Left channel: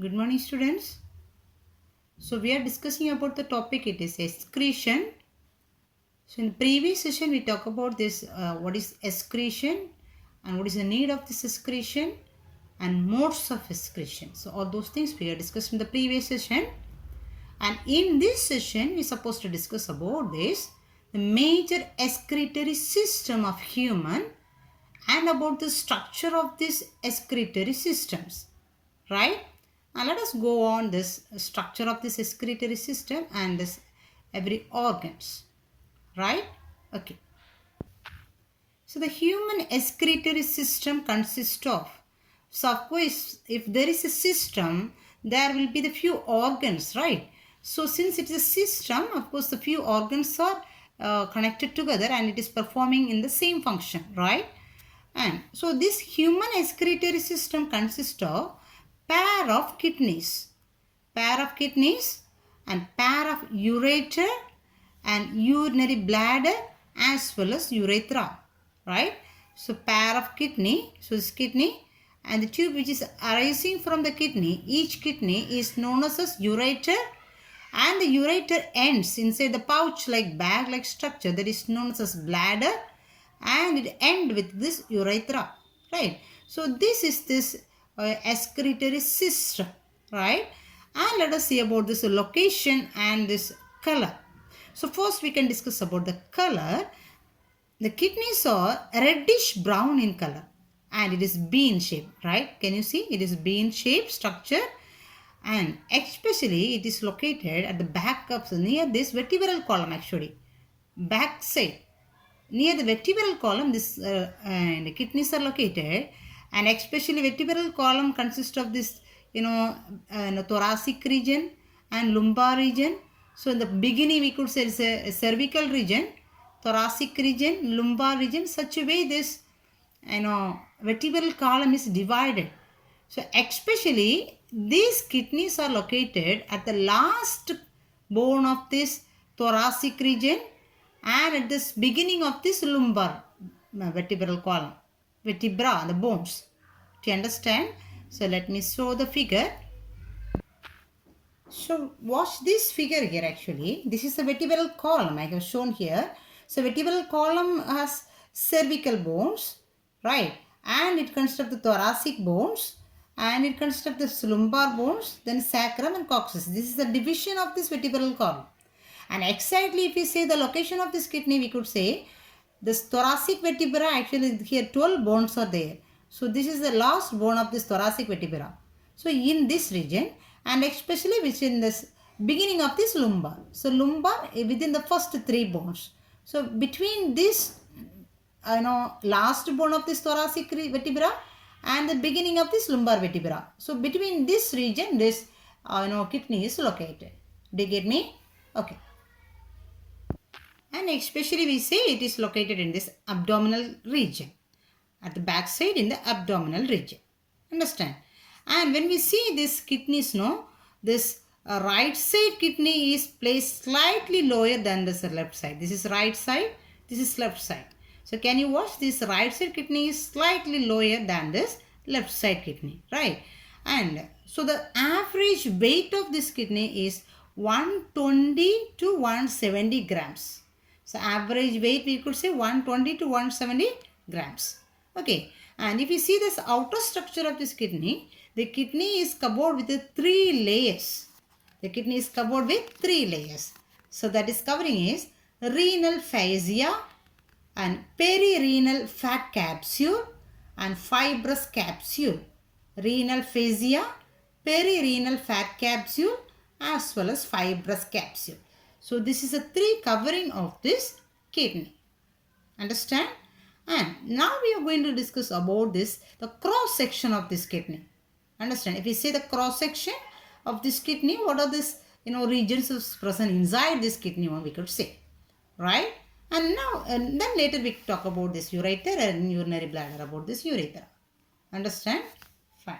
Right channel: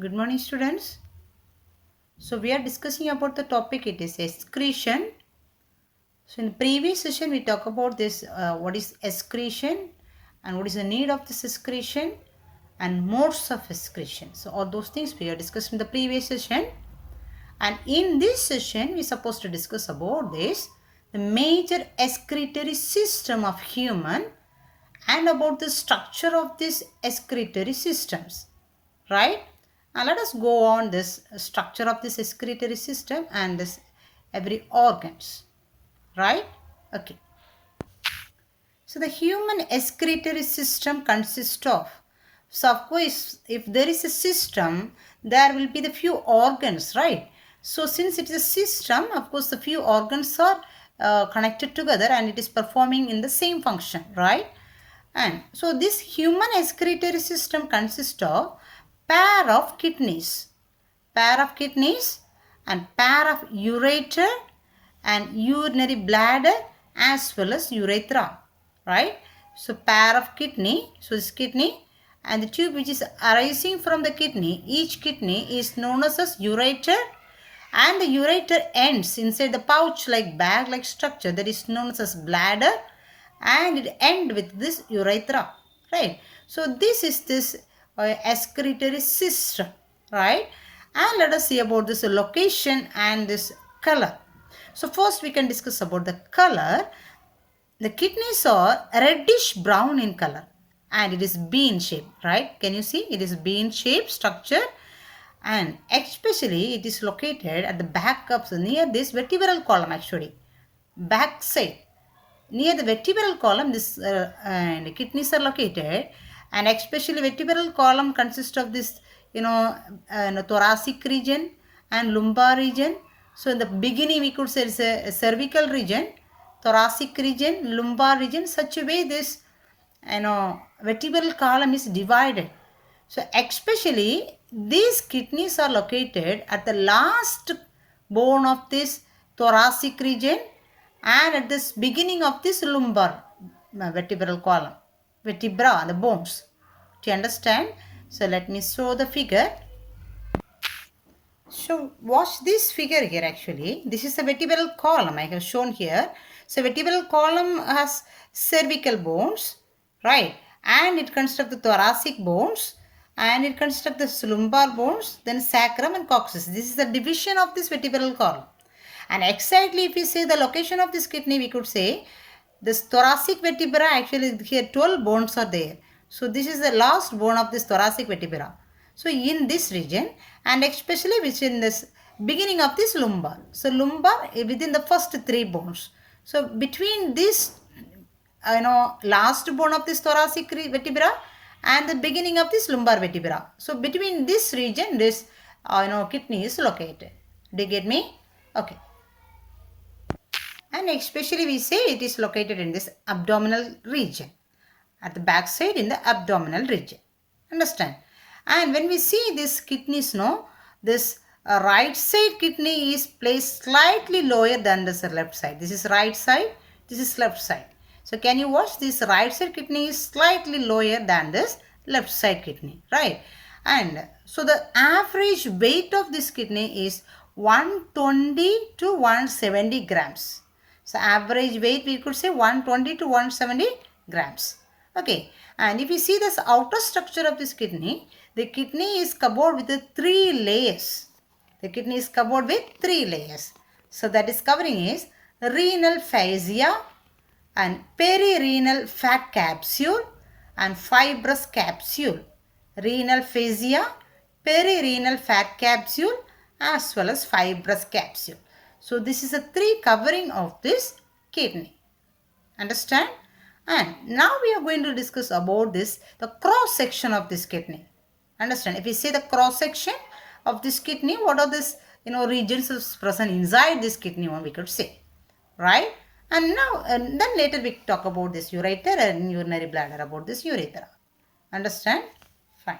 Good morning, students. So we are discussing about the topic. It is excretion. So in the previous session we talked about this what is excretion and what is the need of this excretion and modes of excretion. So all those things we are discussed in the previous session. And in this session we are supposed to discuss about this the major excretory system of human and about the structure of these excretory systems, right? Now let us go on this structure of this excretory system and this every organs, right? Okay. So the human excretory system consists of, so of course if there is a system there will be the few organs, right? So since it is a system, of course the few organs are connected together and it is performing in the same function, right? And so this human excretory system consists of pair of kidneys and pair of ureter and urinary bladder as well as urethra, right? So pair of kidney, so this kidney and the tube which is arising from the kidney, each kidney is known as ureter, and the ureter ends inside the pouch like bag like structure that is known as bladder, and it end with this urethra, right? So this is this excretory system, right? And let us see about this location and this color. So first we can discuss about the color. The kidneys are reddish brown in color and it is bean shaped, right? Can you see? It is bean shaped structure, and especially it is located at the back of near this vertebral column, actually back side. Near the vertebral column, this and kidneys are located, and especially vertebral column consists of this, thoracic region and lumbar region. So in the beginning, we could say it's a cervical region, thoracic region, lumbar region. Such a way, this vertebral column is divided. So especially these kidneys are located at the last bone of this thoracic region and at this beginning of this lumbar vertebral column, vertebra, the bones. Do you understand? So let me show the figure. So watch this figure here actually. This is the vertebral column I have shown here. So vertebral column has cervical bones, right? And it consists of the thoracic bones and it consists of the lumbar bones, then sacrum and coccyx. This is the division of this vertebral column. And exactly if we say the location of this kidney, we could say this thoracic vertebra, actually here 12 bones are there. So this is the last bone of this thoracic vertebra. So in this region and especially which in this beginning of this lumbar. So lumbar within the first 3 bones. So between this last bone of this thoracic vertebra and the beginning of this lumbar vertebra. So between this region this kidney is located. Do you get me? Okay. And especially we say it is located in this abdominal region, at the back side in the abdominal region. Understand? And when we see this kidneys, this right side kidney is placed slightly lower than this left side. This is right side, this is left side. So can you watch, this right side kidney is slightly lower than this left side kidney, right? And so the average weight of this kidney is 120 to 170 grams. So average weight we could say 120 to 170 grams. Okay. And if you see this outer structure of this kidney, the kidney is covered with the 3 layers. The kidney is covered with 3 layers. So that is covering is renal fascia and perirenal fat capsule and fibrous capsule. Renal fascia, perirenal fat capsule as well as fibrous capsule. So this is a 3 covering of this kidney. Understand? And now we are going to discuss about this, the cross section of this kidney. Understand? If we say the cross section of this kidney, what are this regions present inside this kidney, one we could say, right? And now and then later we talk about this ureter and urinary bladder, about this urethra. Understand? Fine.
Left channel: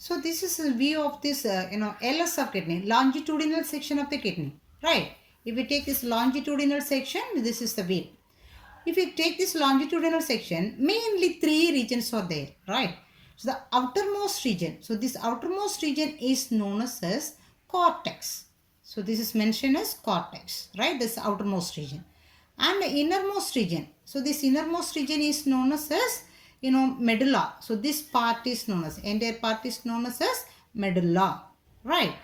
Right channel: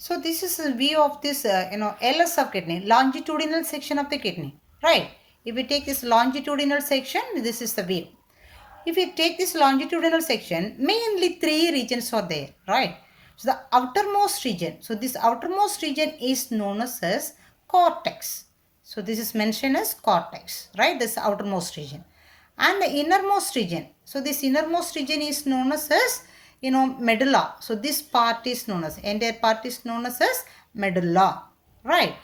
So this is a view of this LS of kidney, longitudinal section of the kidney, right? If we take this longitudinal section, this is the view. If we take this longitudinal section, mainly 3 regions are there, right? So the outermost region, so this outermost region is known as cortex. So this is mentioned as cortex, right? This outermost region. And the innermost region, so this innermost region is known as medulla. So this part is known as, entire part is known as medulla, right?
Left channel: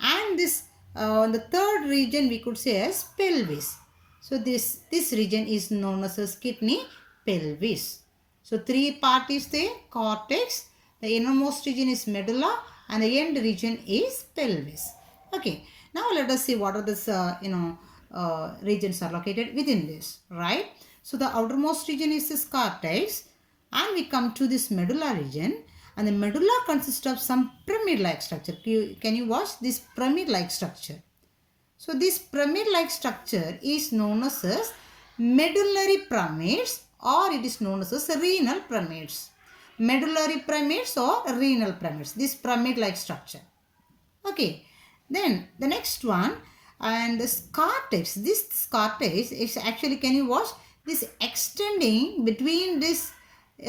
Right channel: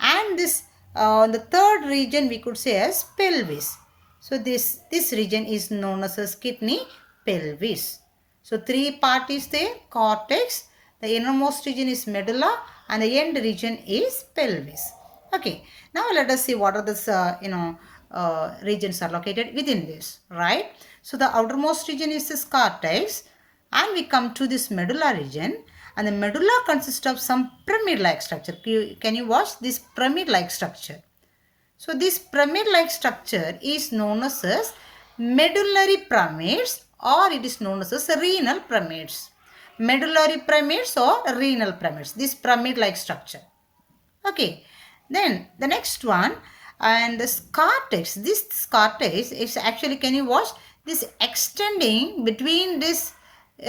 And this the third region we could say as pelvis. So this region is known as kidney pelvis. So three part is there: cortex, the innermost region is medulla, and the end region is pelvis. Okay, now let us see what are this regions are located within this, right? So the outermost region is this cortex, and we come to this medulla region, and the medulla consists of some pyramid-like structure. Can you watch this pyramid-like structure? So this pyramid-like structure is known as medullary pyramids, or it is known as renal pyramids. Medullary pyramids or renal pyramids. This pyramid-like structure. Okay. Then the next one, and this cortex. This cortex is actually, can you watch this extending between this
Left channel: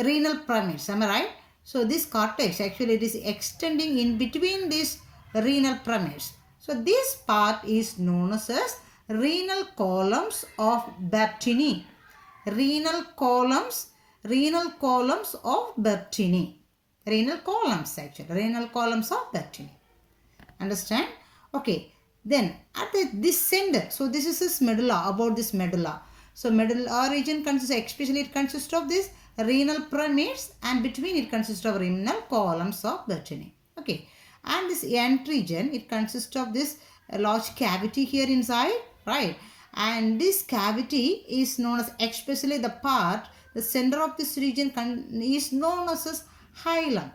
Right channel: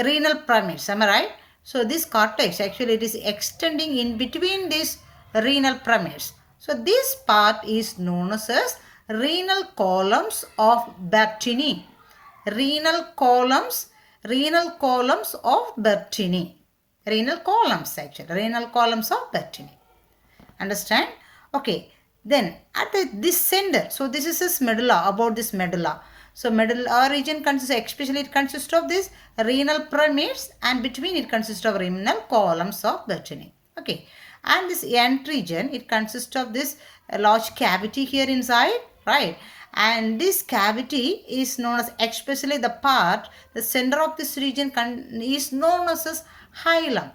renal pyramids? Am I right? So this cortex actually it is extending in between these renal pyramids. So this part is known as renal columns of Bertini. Renal columns of Bertini. Renal columns actually. Renal columns of Bertini. Understand? Okay. Then at this center, so this is this medulla, about this medulla. So medulla region consists, especially it consists of this renal pyramids, and between it consists of renal columns of Bertini. Okay. And this end region, it consists of this large cavity here inside, right? And this cavity is known as, especially the part, the center of this region is known as hilum.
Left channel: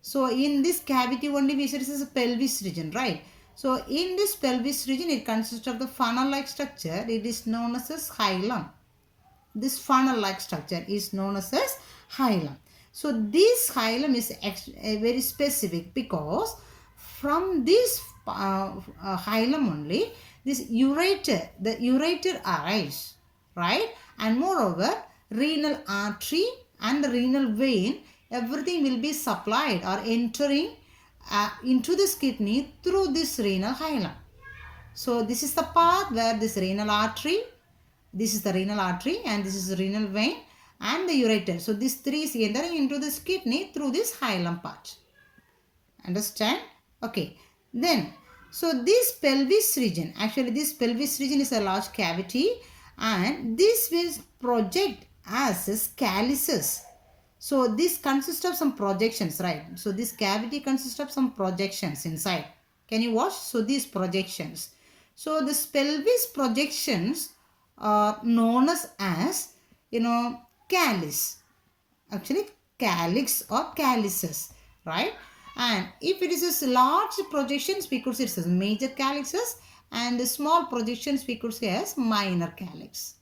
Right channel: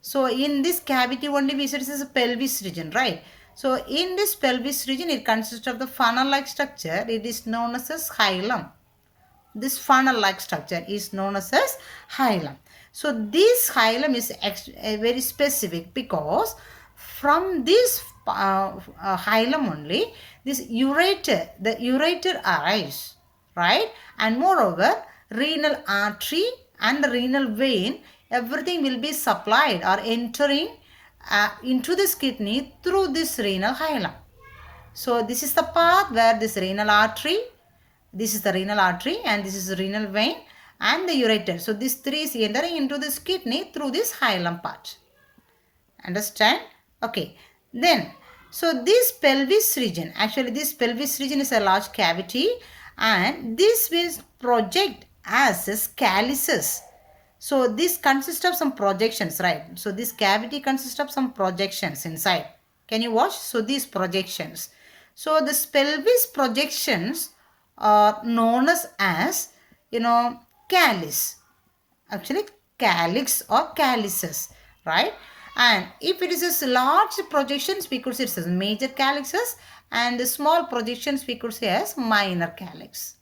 So in this cavity only we said this is a pelvis region, right? So in this pelvis region, it consists of the funnel-like structure. It is known as hilum. This funnel-like structure is known as hilum. So this hilum is very specific, because from this hilum only, this ureter, the ureter arise, right? And moreover, renal artery and the renal vein, everything will be supplied or entering into this kidney through this renal hilum. So this is the path where this renal artery, this is the renal artery, and this is the renal vein and the ureter. So these three is entering into this kidney through this hilum part. Understand? Okay. Then, so this pelvis region, actually this pelvis region is a large cavity, and this will project as calyces. So this consists of some projections, right? So this cavity consists of some projections inside. Can you watch? So these projections. So this pelvis projections are known as calyx. Actually calyx or calyces, right? And if it is a large projections, we could say it as major calyxes, and the small projections we could say as minor calyx.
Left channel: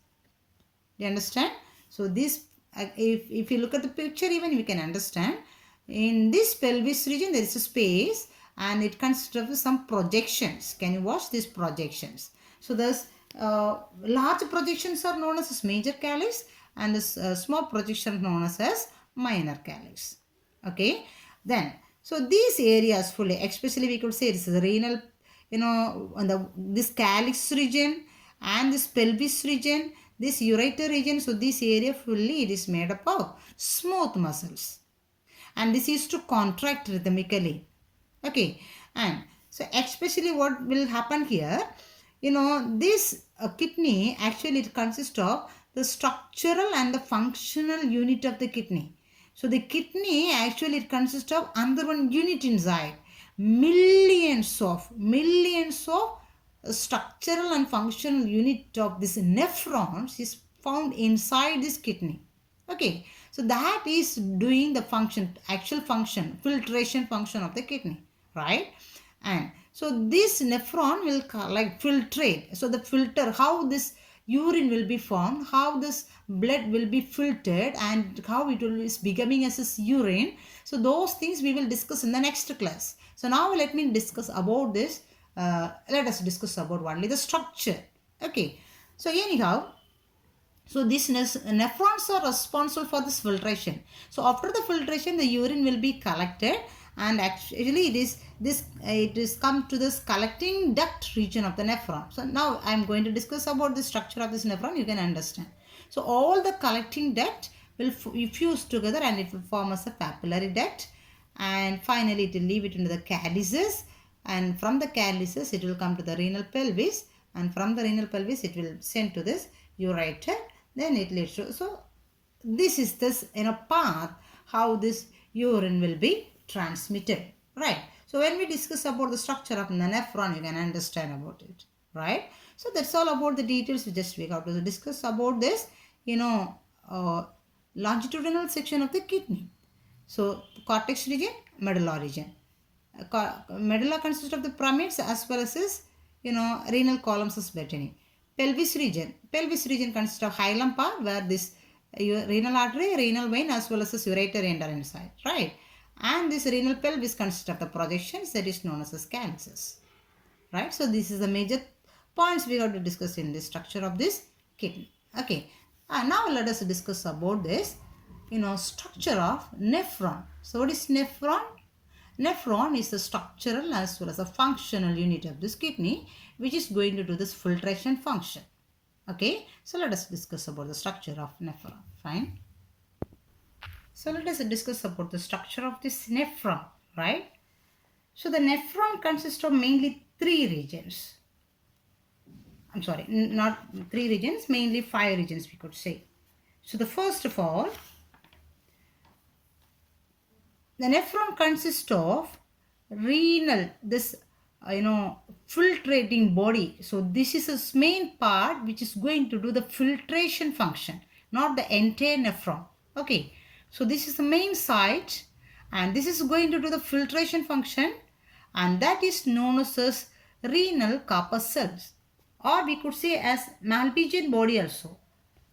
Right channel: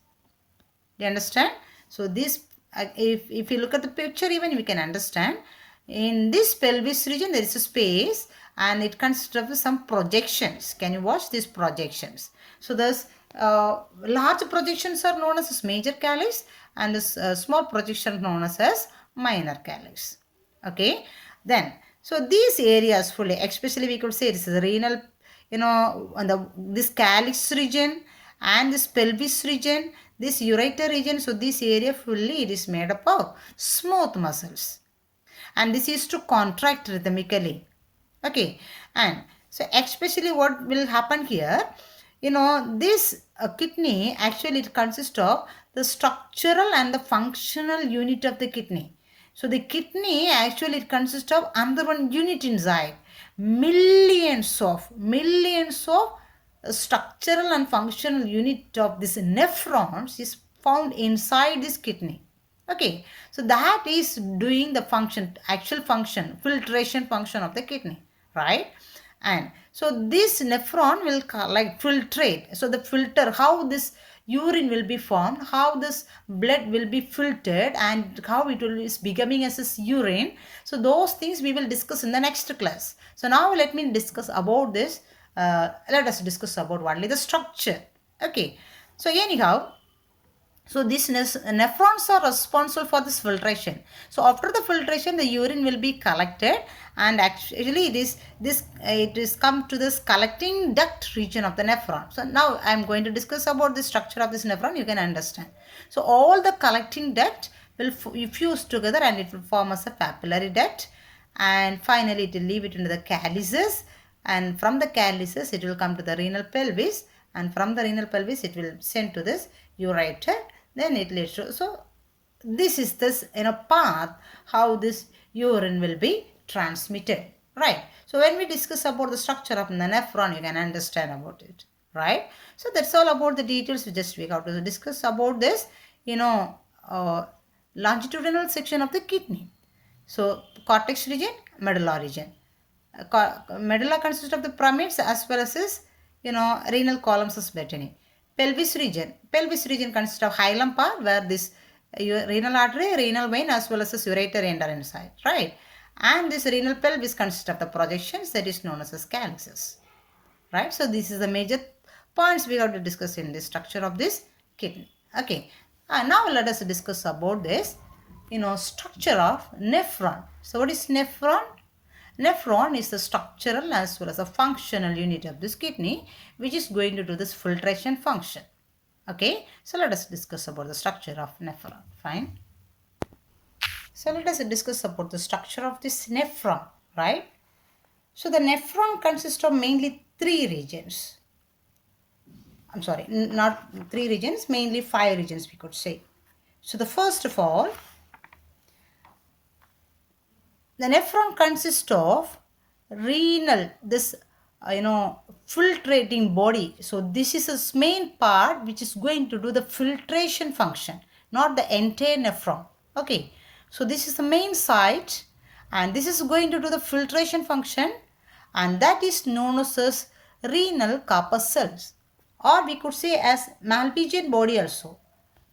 You understand? So this, if you look at the picture, even we can understand. In this pelvis region, there is a space, and it consists of some projections. Can you watch these projections? So those large projections are known as major calyx, and this small projection known as minor calyx. Okay. Then, so these areas fully, especially we could say this is the renal, this calyx region and this pelvis region, this ureter region. So this area fully it is made up of smooth muscles, and this is to contract rhythmically. Okay. And so especially what will happen here, this kidney actually it consists of the structural and the functional unit of the kidney. So the kidney actually it consists of another one unit inside. Millions of structural and functional unit of this nephrons is found inside this kidney. Okay, so that is doing the function, actual function, filtration function of the kidney, right? And so this nephron will filtrate. So the filter, how this urine will be formed, how this blood will be filtered, and how it will is becoming as this urine. So those things we will discuss in the next class. So now let me discuss about this. Let us discuss about only the structure. Okay. So anyhow, So these nephrons are responsible for this filtration. So after the filtration, the urine will be collected, and actually it is come to this collecting duct region of the nephron. So now I am going to discuss about the structure of this nephron. You can understand. So all the collecting duct will fuse together and it will form as a papillary duct, and finally it will leave it into the calyces, and from the calyces it will come to the renal pelvis, and from the renal pelvis it will send to this ureter, then it leads to. So this is this path how this urine will be transmitted, right? So when we discuss about the structure of the nephron, you can understand about it, right? So that's all about the details. We have to discuss about this longitudinal section of the kidney. So cortex region, medulla region. Medulla consists of the pyramids as well as this, renal columns as betony. Pelvis region. Pelvis region consists of hilum part where this renal artery, renal vein as well as this ureter enter inside, right? And this renal pelvis consists of the projections that is known as calyces, right? So this is the major points we have to discuss in the structure of this kidney. Okay. Now let us discuss about this, structure of nephron. So what is nephron? Nephron is the structural as well as a functional unit of this kidney, which is going to do this filtration function. Okay, so let us discuss about the structure of nephron. Fine. So let us discuss about the structure of this nephron, right? So the nephron consists of mainly three regions. I'm sorry, not three regions, mainly 5 regions we could say. So the first of all, the nephron consists of renal, this filtrating body. So this is the main part which is going to do the filtration function, not the entire nephron. Okay, so this is the main site, and this is going to do the filtration function, and that is known as renal corpuscles, or we could say as Malpighian body also.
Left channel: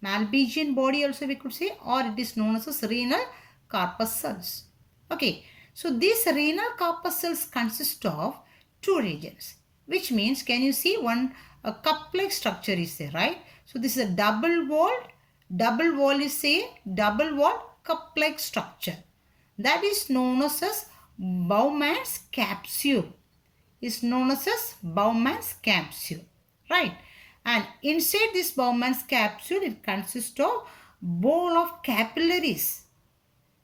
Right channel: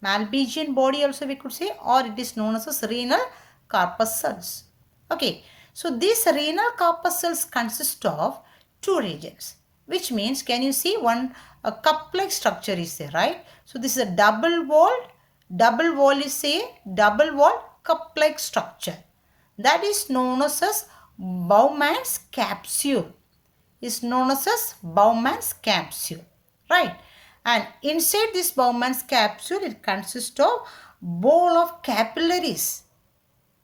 Malpighian body also we could say, or it is known as renal corpuscles. Okay, so these renal corpuscles consist of 2 regions, which means, can you see a cup-like structure is there, right? So this is a double wall is a double wall cup-like structure. That is known as Bowman's capsule. Right? And inside this Bowman's capsule, it consists of ball of capillaries.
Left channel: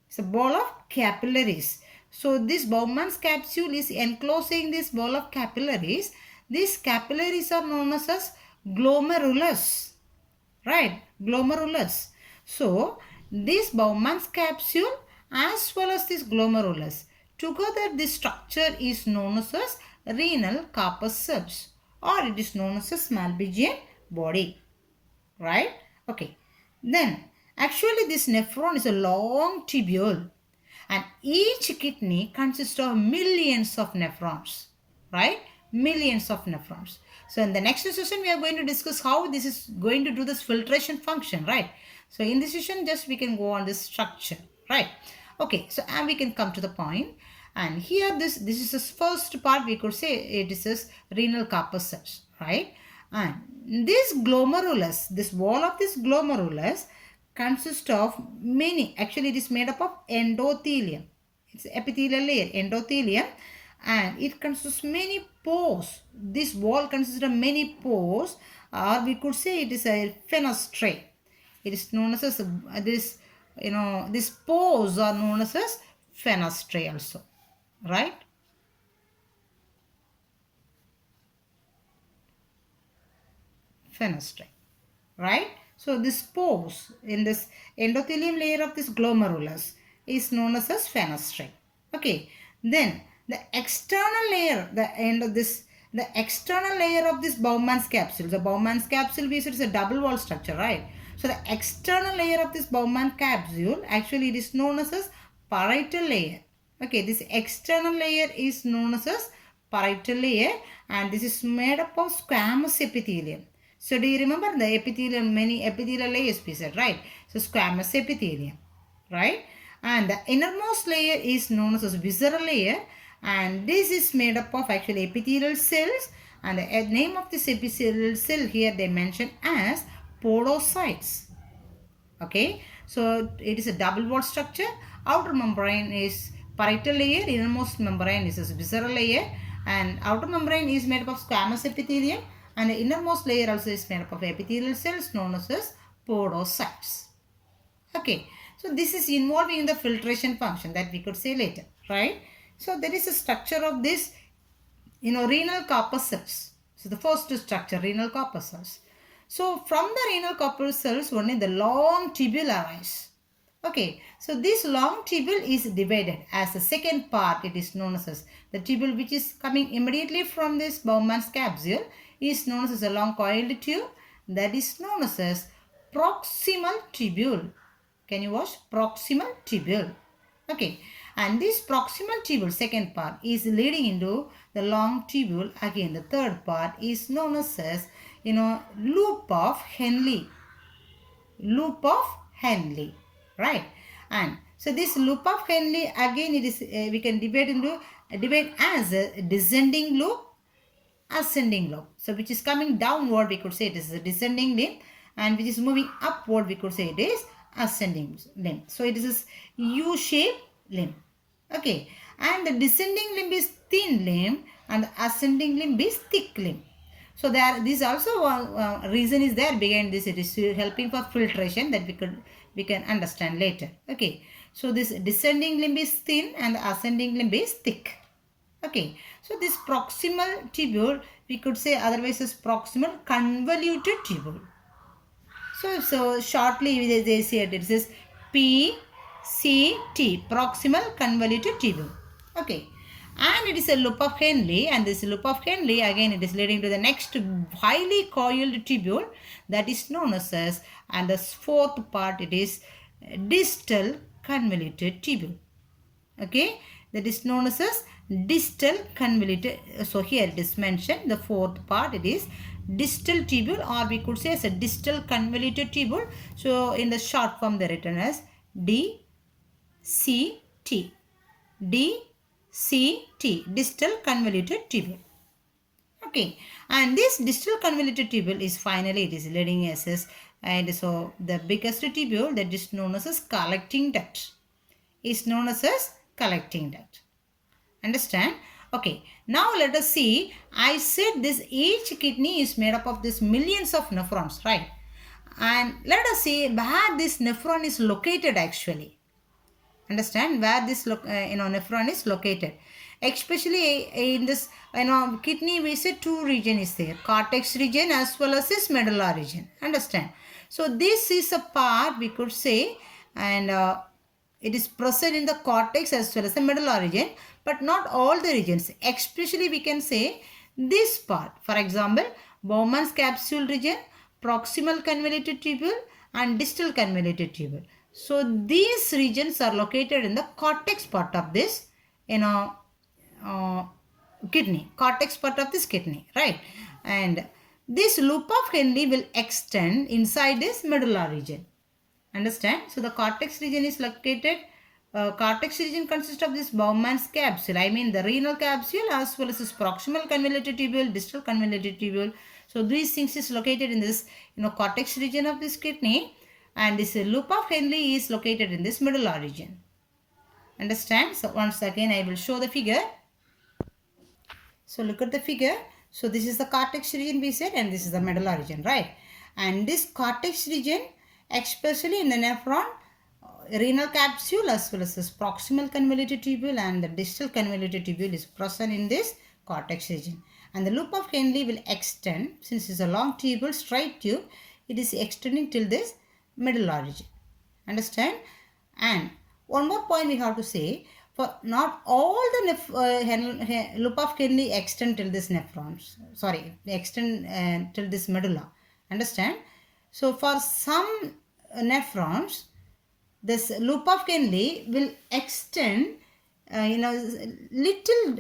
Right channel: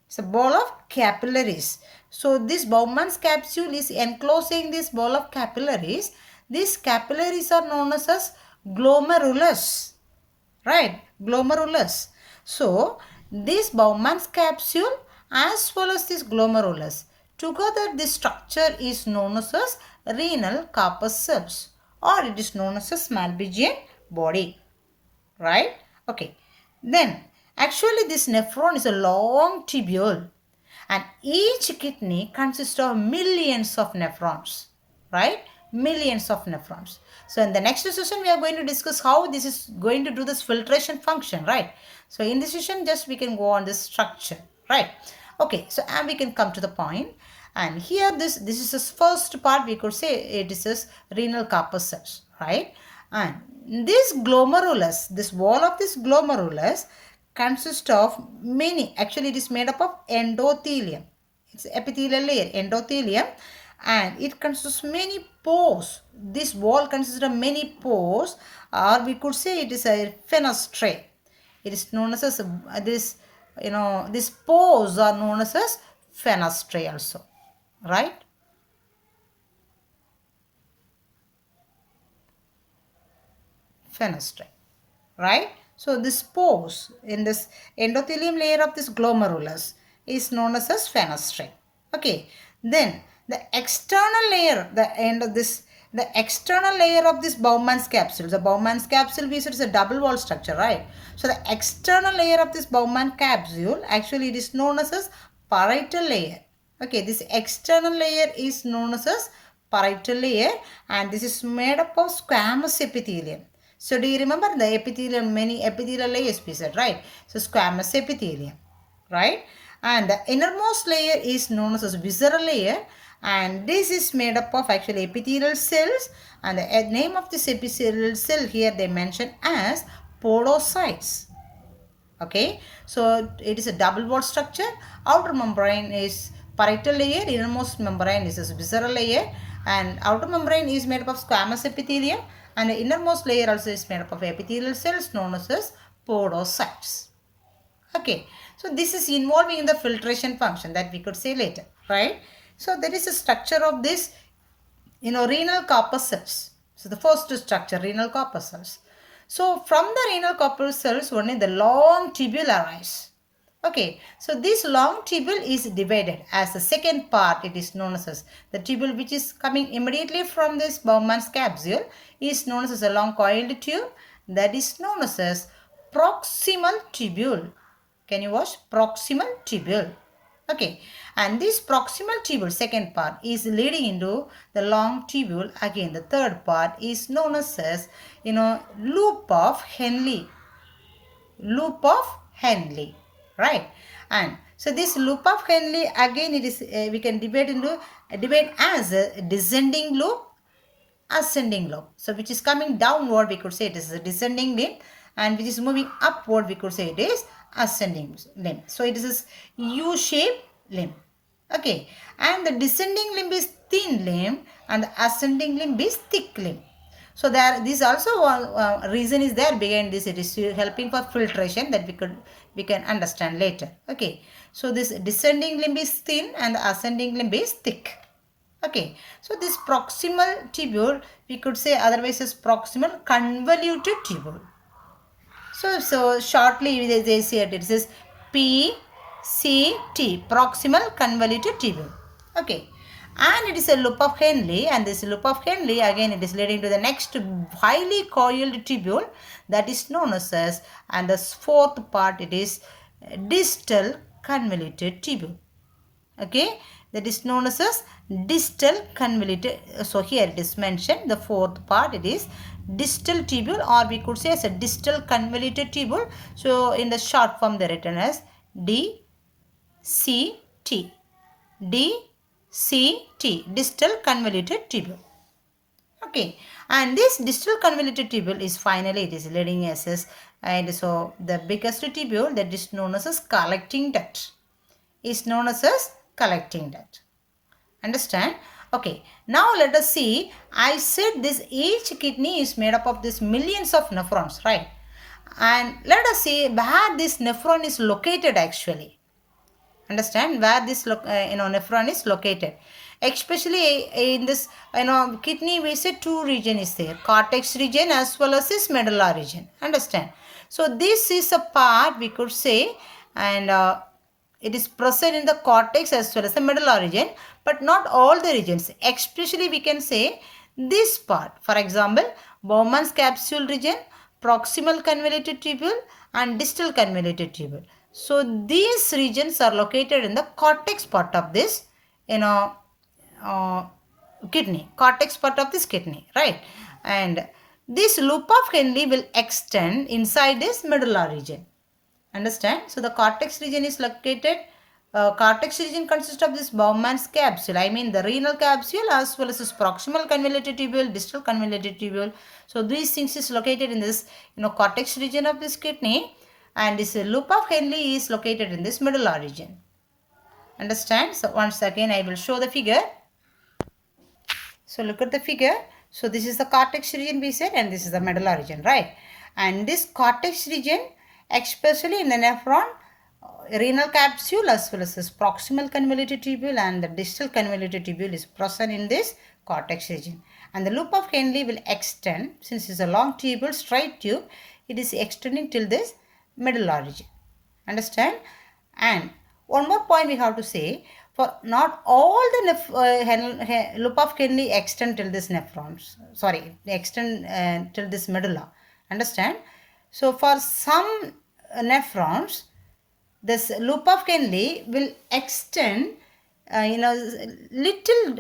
It's a ball of capillaries. So this Bowman's capsule is enclosing this ball of capillaries. These capillaries are known as glomerulus. Right? Glomerulus. So this Bowman's capsule as well as this glomerulus, together this structure is known as renal corpuscles, or it is known as Malpighian body. Right? Okay. Then actually this nephron is a long tubule, and each kidney consists of millions of nephrons, right? Millions of nephrons. So in the next session, we are going to discuss how this is going to do this filtration function, right? So in this session, just we can go on this structure, right? Okay, so and we can come to the point. And here this is the first part, we could say it is this renal corpuscles, right? And this glomerulus, this wall of this glomerulus consists of many, actually it is made up of endothelium. It's epithelial layer, endothelium, and it consists of many pores. This wall consists of many pores, or we could say it is a fenestrae. It is known as this, these pores are known as fenestrae also, right? Fenestrae, right? So this pores in this endothelium layer of this glomerulus is known as fenestrae. Okay, then the external layer, the external layer of this Bowman's capsule. The Bowman's capsule, we said, is a double wall structure, right? So the external layer of this Bowman capsule, actually it is known as parietal layer. Okay, this external layer is known as parietal layer, and this is made up of squamous epithelium. So do you remember the epithelium, many epithelial layers we said, right? So squamous epithelium, right? And the innermost layer is known as visceral layer, and this is made up of actually epithelial cells, and the name of this epithelial cell here they mention as podocytes. Okay, so it is a double wall structure. Outer membrane is parietal layer, innermost membrane is a visceral layer, and outer membrane is made up of squamous epithelium, and the innermost layer also is made up of epithelial cells known as podocytes. Okay, so this is involving in the filtration function that we could say later, right? So there is a structure of this, renal corpuscles. So the first structure, renal corpuscles. So from the renal corpuscles, only the long tubule arise. Okay, so this long tubule is divided as the second part. It is known as the tubule which is coming immediately from this Bowman's capsule is known as a long coiled tube, that is known as proximal tubule. Can you watch? Proximal tubule. Okay, and this proximal tubule, second part, is leading into the long tubule. Again, the third part is known as loop of Henle. Loop of Henle, right? And so this loop of Henle, again, it is we can divide as a descending loop, ascending loop. So which is coming downward, we could say it is a descending limb, and which is moving upward, we could say it is ascending limb. So it is a U-shaped limb. Okay, and the descending limb is thin limb and the ascending limb is thick limb. So there, this also one reason is there behind this. It is helping for filtration that we can understand later. Okay, so this descending limb is thin and the ascending limb is thick. Okay, so this proximal tubule, we could say otherwise as proximal convoluted tubule. So shortly they say it says PCT, proximal convoluted tubule. Okay, and it is a loop of Henle, and this loop of Henle again it is leading to the next highly coiled tubule that is known as, and the fourth part it is distal convoluted tubule. Okay, that is known as distal convoluted. So here it is mentioned, the fourth part it is distal tubule, or we could say as a distal convoluted tubule. So in the short form they are written as DCT. DCT, distal convoluted tubule. Okay, and this distal convoluted tubule is finally it is leading as and so the biggest tubule that is known as collecting duct is known as collecting duct. Understand? Okay, now let us see. I said this each kidney is made up of this millions of nephrons, right? And let us see where this nephron is located actually. Understand where this nephron is located, especially in this kidney. We say two region is there, cortex region as well as this medulla region. Understand? So this is a part we could say, and it is present in the cortex as well as the medulla region, but not all the regions. Especially we can say this part, for example, Bowman's capsule region, proximal convoluted tubule and distal convoluted tubule. So these regions are located in the cortex part of this kidney, cortex part of this kidney, right? And this loop of Henle will extend inside this medulla region. Understand? So the cortex region is located, cortex region consists of this Bowman's capsule, I mean the renal capsule as well as this proximal convoluted tubule, distal convoluted tubule. So these things is located in this cortex region of this kidney, and this loop of Henle is located in this medulla region. Understand? So once again I will show the figure. So look at the figure. So this is the cortex region we said, and this is the medulla region, right? And this cortex region, especially in the nephron, renal capsule as well as this proximal convoluted tubule and the distal convoluted tubule is present in this cortex region. And the loop of Henle will extend, since it's a long tubule, straight tube, it is extending till this medulla region. Understand? And one more point we have to say, for not all the loop of Henle extend till this nephrons, sorry, extend till this medulla. Understand? So for some nephrons, this loop of Henle will extend little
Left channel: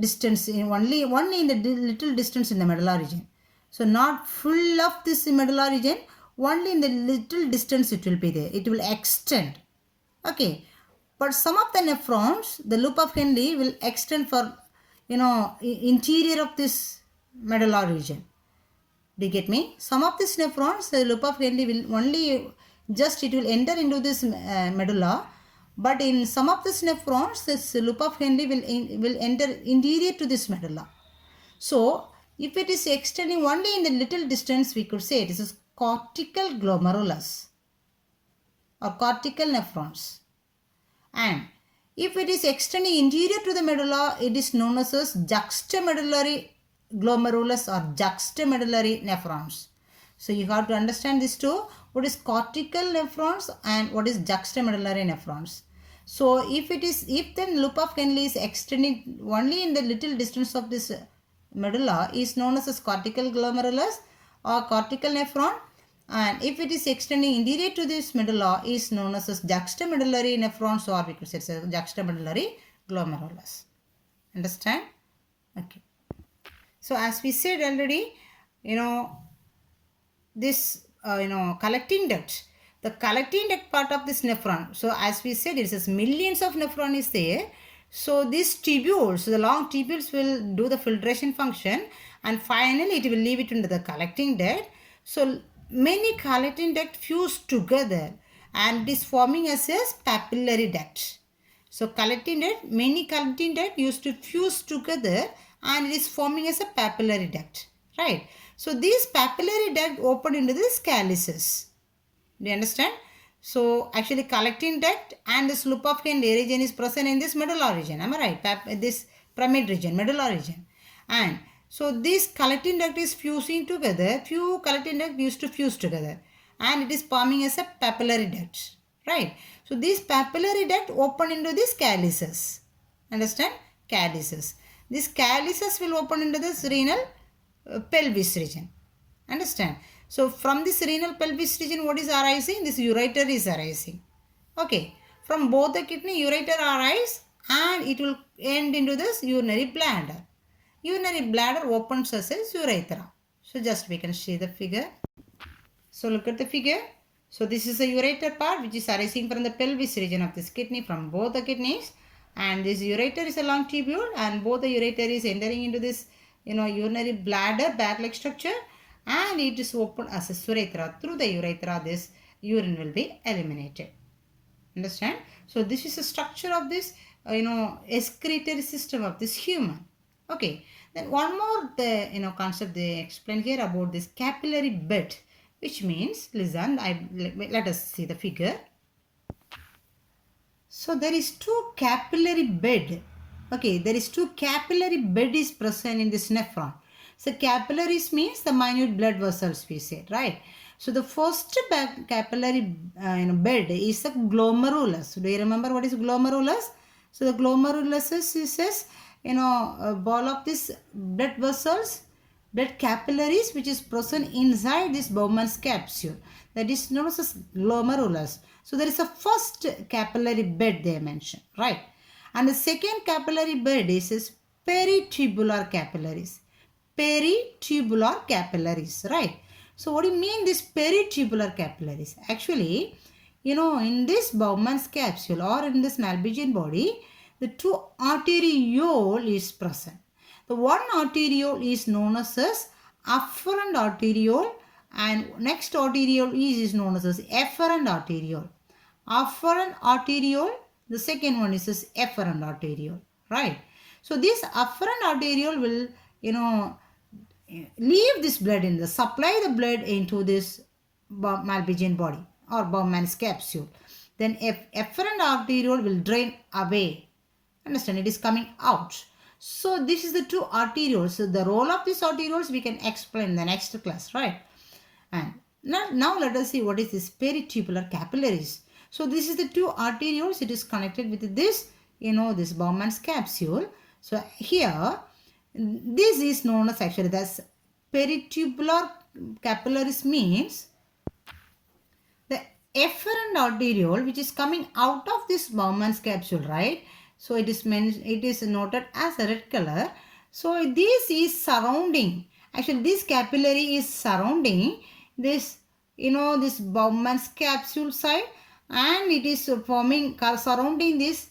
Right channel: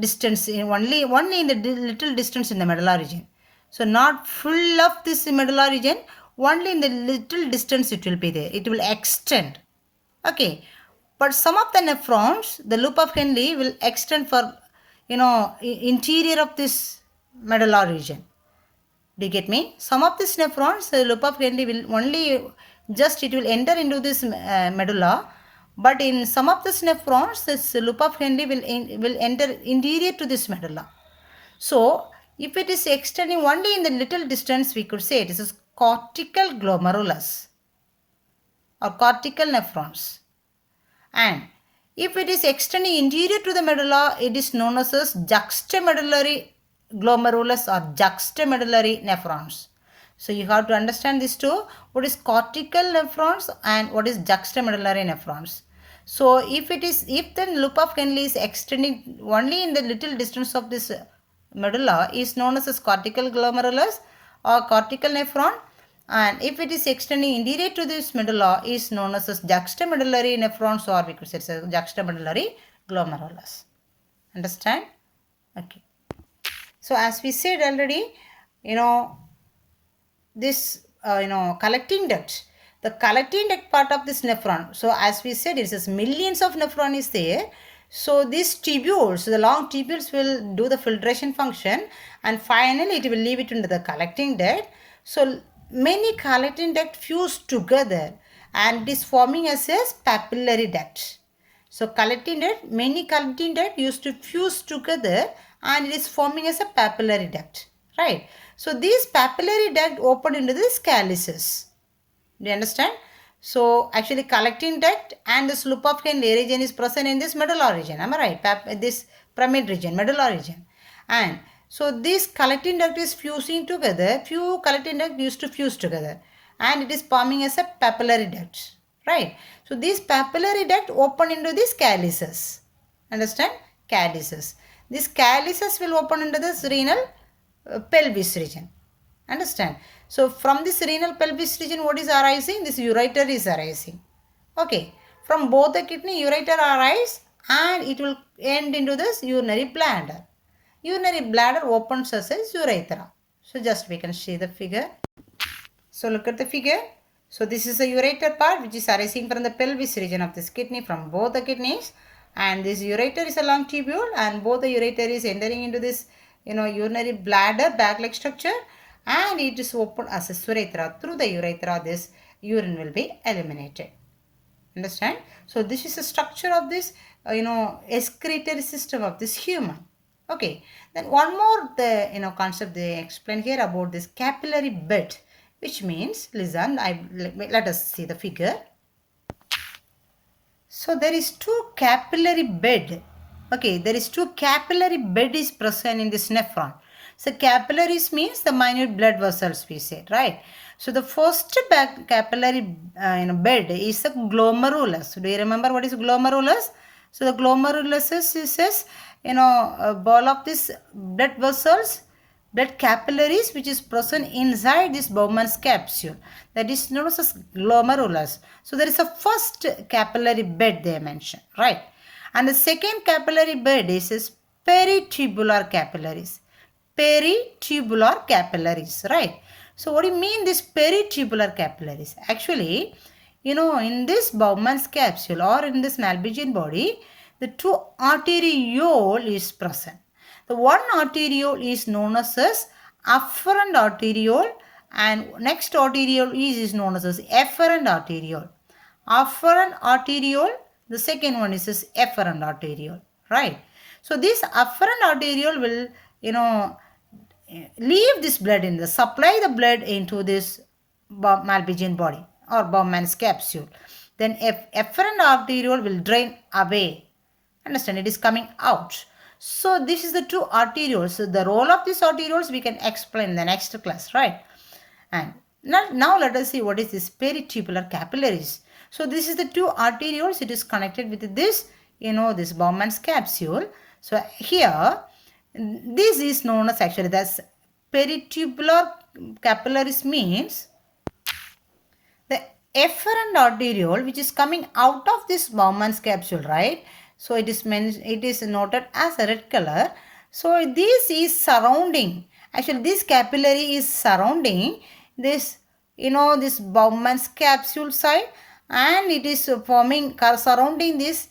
distance, only in the little distance in the medulla region. So not full of this medulla region, only in the little distance it will be there. It will extend. Okay. But some of the nephrons, the loop of Henle will extend for, interior of this medulla region. Do you get me? Some of these nephrons, the loop of Henle will only just it will enter into this medulla. But in some of the nephrons, this loop of Henle will enter interior to this medulla. So, if it is extending only in the little distance, we could say this is cortical glomerulus or cortical nephrons. And if it is extending interior to the medulla, it is known as juxtamedullary glomerulus or juxtamedullary nephrons. So you have to understand this too. What is cortical nephrons and what is juxtamedullary nephrons. So if the loop of Henle is extending only in the little distance of this medulla, is known as cortical glomerulus or cortical nephron, and if it is extending interior to this medulla, is known as juxtamedullary nephrons, or we could say juxtamedullary glomerulus. Understand? Okay. So as we said already, this collecting duct, the collecting duct part of this nephron. So as we said, it is millions of nephron is there. So these tubules, the long tubules will do the filtration function, and finally it will leave it into the collecting duct. So many collecting duct fuse together and it is forming as a papillary duct. So collecting duct, many collecting duct used to fuse together and it is forming as a papillary duct, right? So these papillary duct open into the calyces. Do you understand? So actually collecting duct and this loop of Henle region is present in this medulla region. Am I right? This pyramid region, medulla region. And so this collecting duct is fusing together. Few collecting duct used to fuse together. And it is forming as a papillary duct. Right? So these papillary duct open into these calyces. Understand? Calyces. These calyces will open into this renal pelvis region. Understand? So from this renal pelvis region, what is arising? This ureter is arising. Okay. From both the kidney, ureter arise and it will end into this urinary bladder. Urinary bladder opens as a urethra. So just we can see the figure. So look at the figure. So this is the ureter part which is arising from the pelvis region of this kidney, from both the kidneys. And this ureter is a long tubule and both the ureter is entering into this urinary bladder bag-like structure, and it is open as a urethra. Through the urethra, this urine will be eliminated. Understand? So this is the structure of this excretory system of this human. Okay. Then one more concept they explain here about this capillary bed, which means, listen, let us see the figure. So there is two capillary bed. Okay, there is two capillary bed is present in this nephron. So capillaries means the minute blood vessels, we said, right? So the first capillary bed is the glomerulus. Do you remember what is glomerulus? So the glomerulus is a ball of this blood vessels, blood capillaries, which is present inside this Bowman's capsule. That is known as glomerulus. So there is a first capillary bed they mentioned, right? And the second capillary bed is peritubular capillaries. Peritubular capillaries, right? So what do you mean this peritubular capillaries? Actually, in this Bowman's capsule or in this Malpighian body, the two arteriole is present. The one arteriole is known as afferent arteriole, and next arteriole is known as efferent arteriole. Afferent arteriole, the second one is efferent arteriole, right? So this afferent arteriole will, leave this blood in supply the blood into this Malpighian body or Bowman's capsule. Then efferent arteriole will drain away. Understand? It is coming out. So this is the two arterioles. So the role of these arterioles we can explain in the next class, right? And now let us see what is this peritubular capillaries. So this is the two arterioles. It is connected with this, this Bowman's capsule. So here, this is known as actually that's peritubular capillaries means the efferent arteriole which is coming out of this Bowman's capsule, right? So it is noted as a red color. So this is surrounding, actually this capillary is surrounding this, this Bowman's capsule side, and it is surrounding this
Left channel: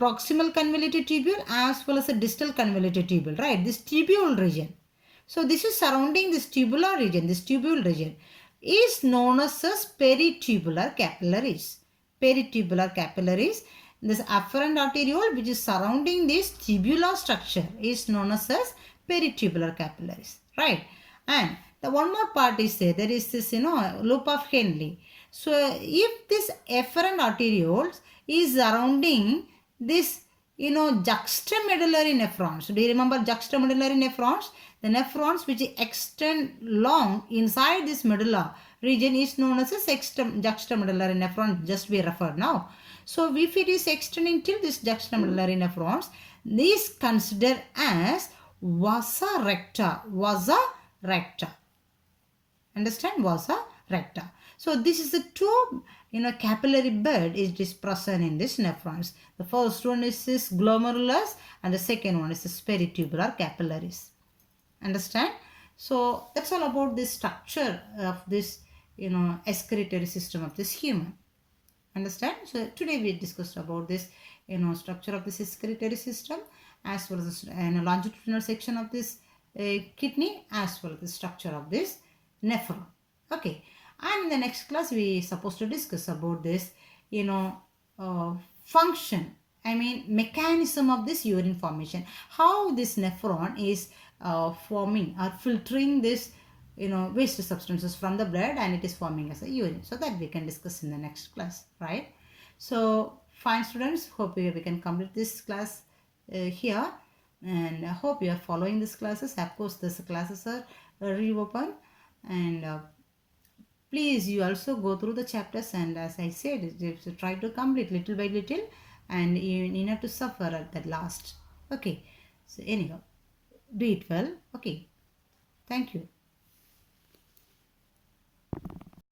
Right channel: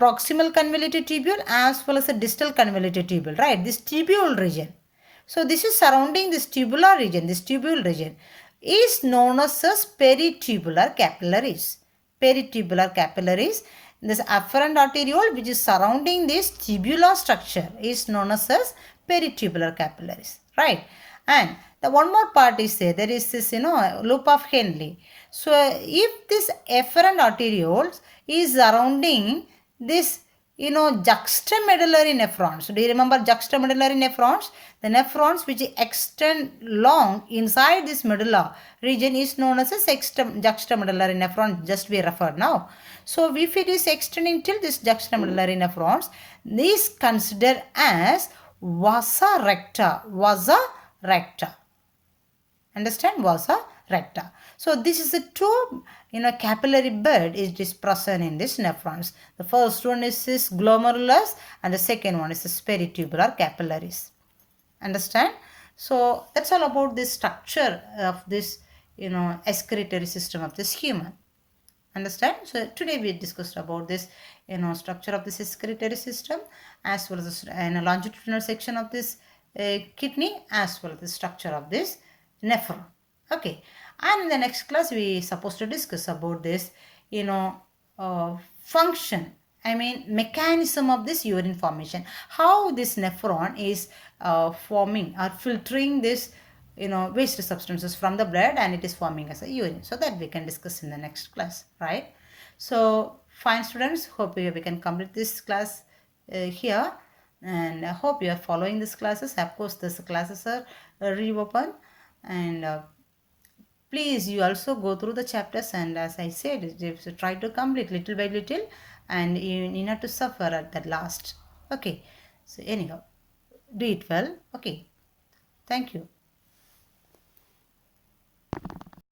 proximal convoluted tubule as well as the distal convoluted tubule, right? This tubule region. So this is surrounding this tubular region, this tubule region. is known as peritubular capillaries. Peritubular capillaries. This afferent arteriole which is surrounding this tubular structure is known as peritubular capillaries, right? And the one more part is there is this loop of Henle. So if this afferent arterioles is surrounding this juxtamedullary nephrons. Do you remember juxtamedullary nephrons? The nephrons which extend long inside this medulla region is known as a juxtamedullary nephron, just we referred now. So if it is extending till this juxtamedullary nephrons, this considered as vasa recta. Vasa recta. Understand? Vasa recta. So this is the two capillary bed is present in this nephrons. The first one is this glomerulus and the second one is the peritubular capillaries. Understand? So that's all about this structure of this excretory system of this human. Understand? So today we discussed about this structure of this excretory system as well as the longitudinal section of this kidney as well as the structure of this nephron. Okay, and in the next class we supposed to discuss about this function, I mean mechanism of this urine formation, how this nephron is forming or filtering this waste substances from the blood and it is forming as a urine. So that we can discuss in the next class, right? So fine students, hope we can complete this class here, and I hope you are following these classes. Of course these classes are reopened, and please you also go through the chapters, and as I said, you try to complete little by little and you need not to suffer at the last. Okay, so anyhow, do it well. Okay, thank you.